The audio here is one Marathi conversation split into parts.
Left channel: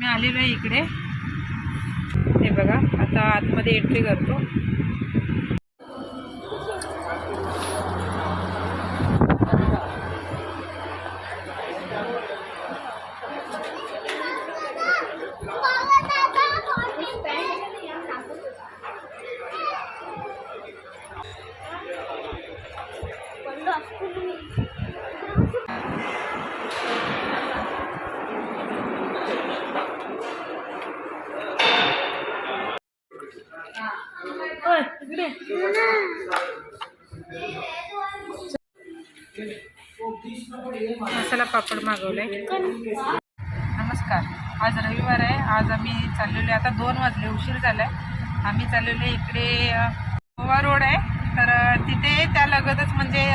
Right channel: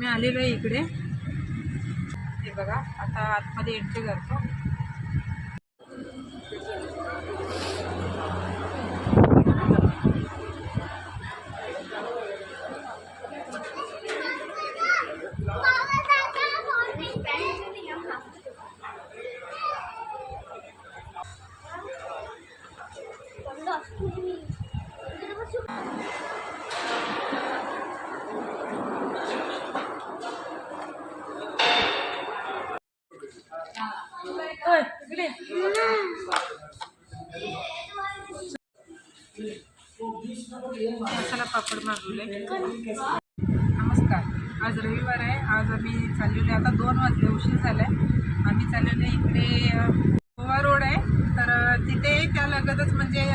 मी आलेलो आहे इकडे. हे बघा आता आतमध्ये एंट्री करतो. मसाला पापड मागवले नमस्कार. आज रविवार आहे. आज आम्ही चाललेलो आहे. आता दोन वाजले. उशीर झालाय. आम्ही चाललेलो आहे इकडे गोवा रोड आहे. तर तिथे त्या लगतच म्हणजे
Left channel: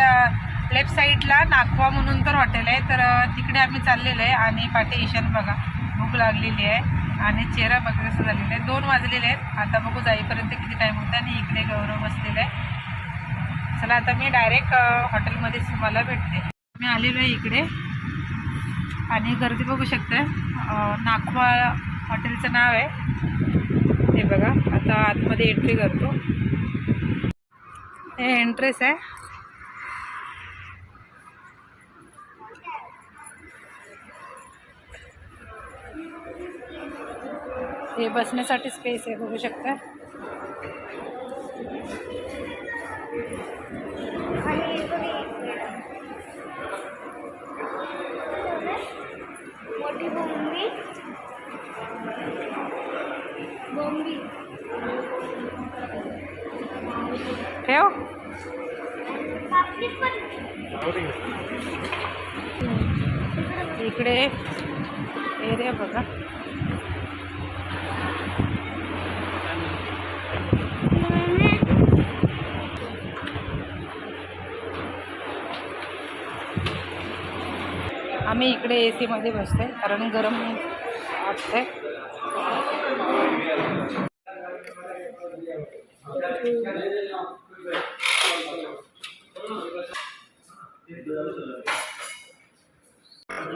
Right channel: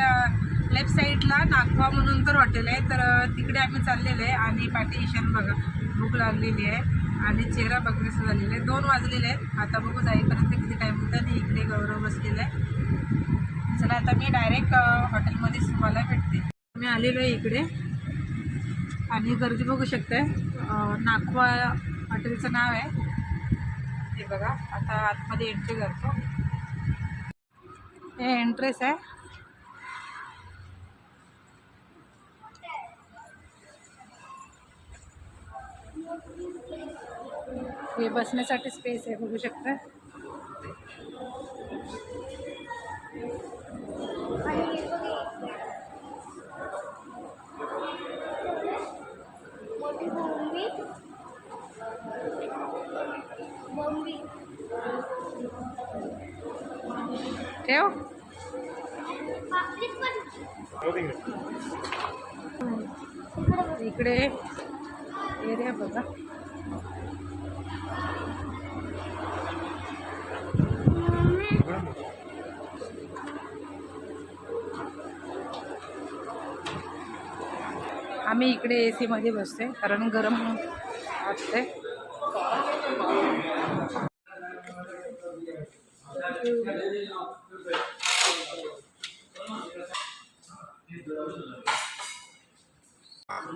लेफ्ट साईडला नागवा म्हणून तर हॉटेल आहे. तर तिकडे आम्ही चाललेलो आहे. आणि पाठी ईशान बघा भूक लागलेली आहे. आणि चेहरा बघा कसं झालेला आहे. दोन वाजलेले आहेत. आता बघू जाईपर्यंत किती टाईम होता आणि इकडे गौरव बसलेला आहे. चला आता मी डायरेक्ट हॉटेलमध्येच तुम्हाला भेटते. मी आलेलो आहे इकडे. आणि गर्दी बघू शकते अ, नाखवा हॉटेलचं नाव आहे. हे बघा आता आतमध्ये एंट्री करतो. हे एंट्रेस आहे. हे बसण्यासाठी स्पेस आहे बघू शकता मोठी बोंबी. बोंबी. ठेव. इकडे एरिया बघा. आम्ही इकडे ए सीमध्ये बसतोय कारण गरम वाटतंय.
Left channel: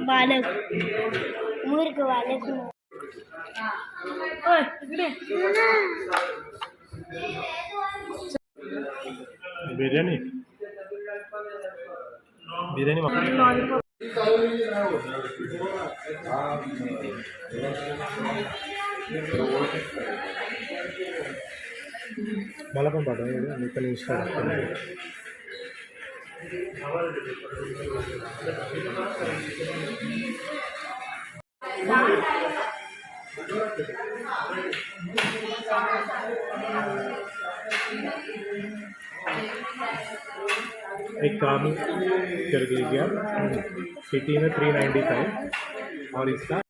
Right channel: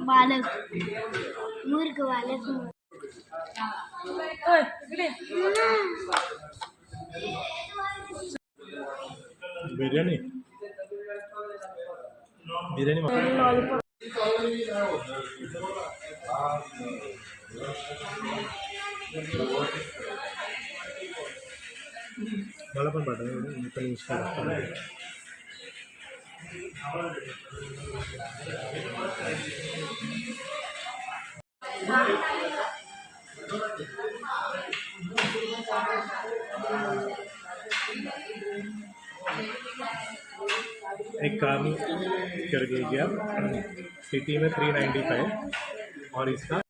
बालक मूर्ख बालक. ओय, इकडे. बिर्याणी? बिर्याणी. मला पण पाठव मी पण इंस्टा एक काम कर लीजिए आप। सिटी में थ्री नाइन्टी फाइव और इसका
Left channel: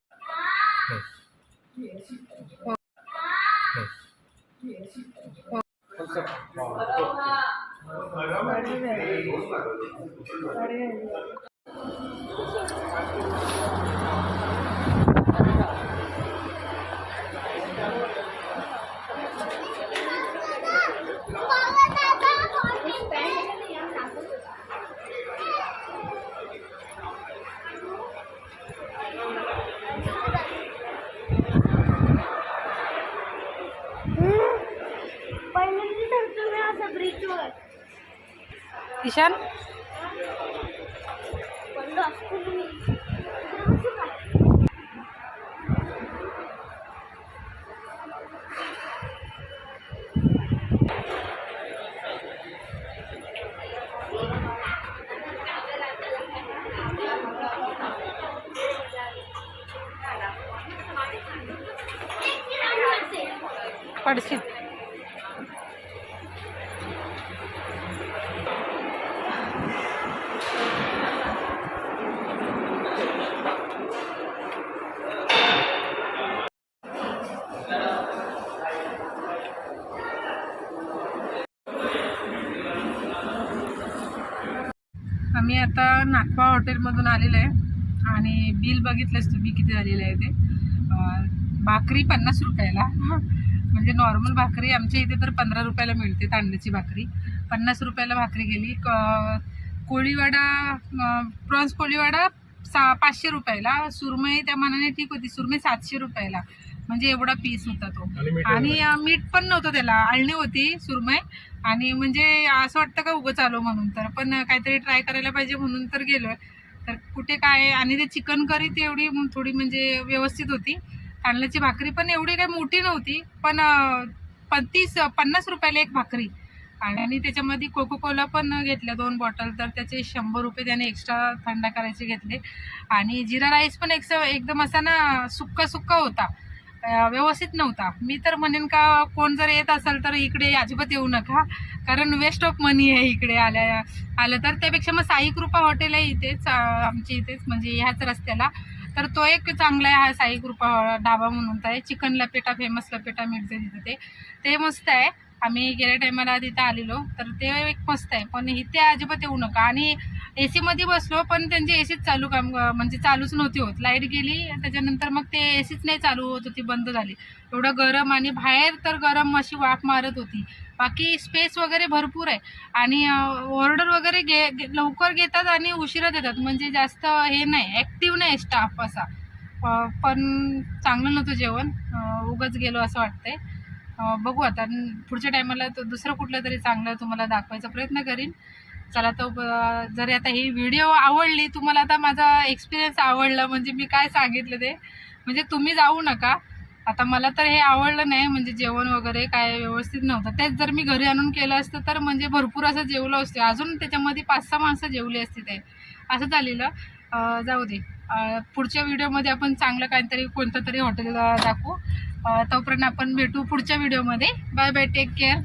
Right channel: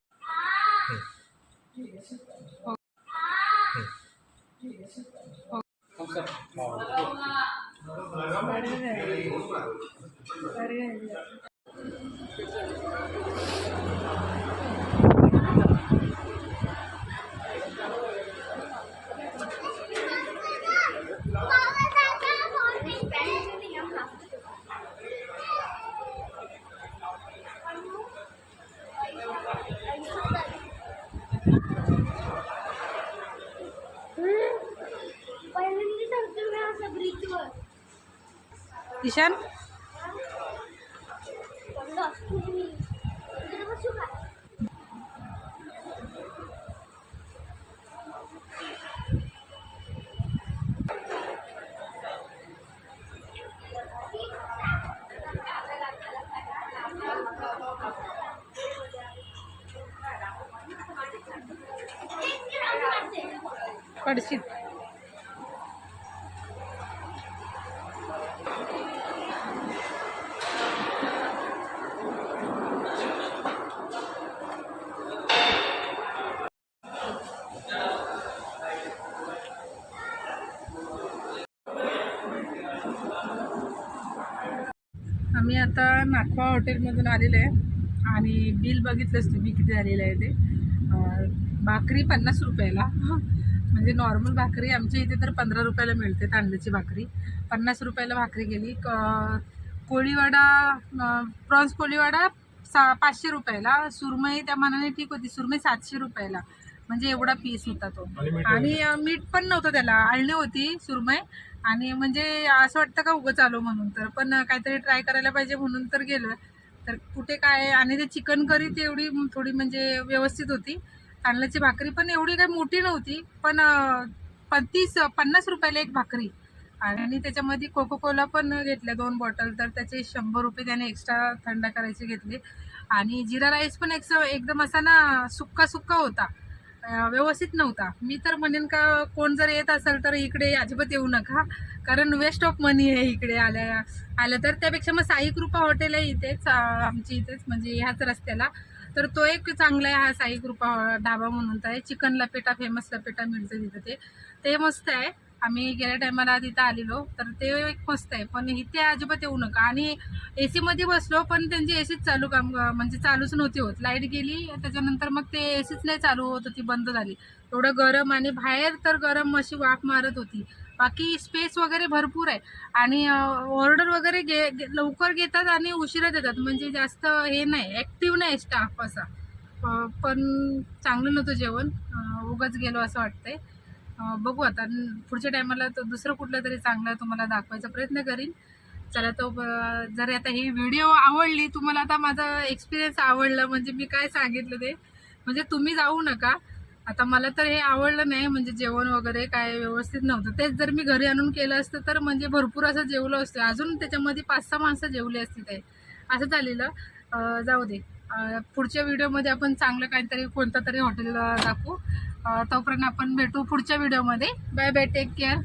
ईशान पडलो आता नागवा हॉटेलमधून आलेलं आहे. आणि बिल बघितलंच तुम्ही किती झालेलं आहे ते. भाकरी पन्नास रुपयाला. म्हणजे नॉर्मल भाकरी आमच्या इथे तर पंधरा रुपयाला मिळते तांदळाची भाकरी. पन्नास रुपयाला भाकरी गेली. क- कोळीवाडा प्रॉन्स कोळीवाडा सा पाचशे रुपयाला. सुरमई त्या मानाने ठीक होती. सुरमई सातशे रुपयाला. म्हणजे एवढा पीस होता तो. आणि मीठ पण नव्हतं त्याला. आळणी होती सुरमई. आणि म्हणजे असं वाटतं का उगं चालू म्हणून तर. पण काहीतरी ट्राय करायला पाहिजे म्हणून तर गेलोय. तर कुठे काय आणि ते चिकन करी ती एवढी थोडी म्हणजे व्यवस्थित होती. तांदळाची भाकरी पण एवढी काही मोठी नव्हती. पण तीस पन्नास रुपयाला एक भाकरी. आणि त्याच्यामध्ये कोको कोला पण घेतल्या दोन बॉटल तर त्याचे शंभर रुपये त्याने एक्स्ट्रा थंड करायचे घेतले. आणि जिरा राईस पण एक एकदम असा ना सुक्का सुक्का होता. व्यवस्थित नव्हता. मी तर म्हणेन का कोण जर येत असेल तर इकडे अजिबात येऊ नका. कारण वेस्ट ऑफ मनी आहे इकडे आल्या आलं तर. त्यापेक्षा मग साई कृपा हॉटेल आहे इथेच आमची आमच्या इथेच म्हणजे ह्याच रस्त्याला. तर तो एक चांगला आहे हा साई कृपा ढाबा म्हणून. तर आहे चिकन लपेटा फेमस लपेटा मिळते तिथं ते. ते मस्त आहे. आम्ही गेल्या टायमाला तिथं आलेलो. तर ते एक मस्त आहे. पण इथे अजिबात येऊ नका. आणि ए सीमध्ये बसलो पण त्यांची ए सीच चालू काम म्हणजे चालूच नव्हती होत. लाइट गेली त्याच्यानंतर मग ते ए सीच नाही चालू होत होती बंद झाली. एवढं गरम आणि बाहेर तर गरम अशी वाफ मारत होती. बाकी स्पेस वगैरे भरपूर आहे. आणि ऑर्डर वगैरे घे गे लवकर घेतात आणि उशिरा देतात. म्हणजे जास्त हे नाही ॲक्टिव्ह नाही स्टाफ असा. पण चांगलं नव्हतं जेवण. उगंच गेलो असं वाटतंय. बघू आता. पुढच्या टायमाला तो दुसरं कुठलं तरी चांगलं तुम्हाला दाखवायचा प्रयत्न करीन. चला तो ब- जर आता ही व्हिडिओ आवडली तुम्हाला आता माझा एक्सपिरियन्स आवडला म्हणजे मी काय सांगितलं ते. म्हणजे तुम्ही जाऊ नका. आता मला तर हे आवडलं नाही म्हणजे जेवण वगैरे काय व्यवस्थित नव्हतं. तेच जर मी घरी आणून केलं असतं तर म्हणजे भरपूर असं जेवलं असतं. अजून त्याच्यामध्ये पाच सहा माणसं जेवली असती ते. असं झालेलं. जाऊ दे. पुढच्या व्हिडिओमध्ये आपण चांगलं काहीतरी कोणतं तरी हॉटेल दाखवू. तोपर्यंत आपण भेटू पुढच्या व्हिडिओमध्ये बाय बाय टेक केअर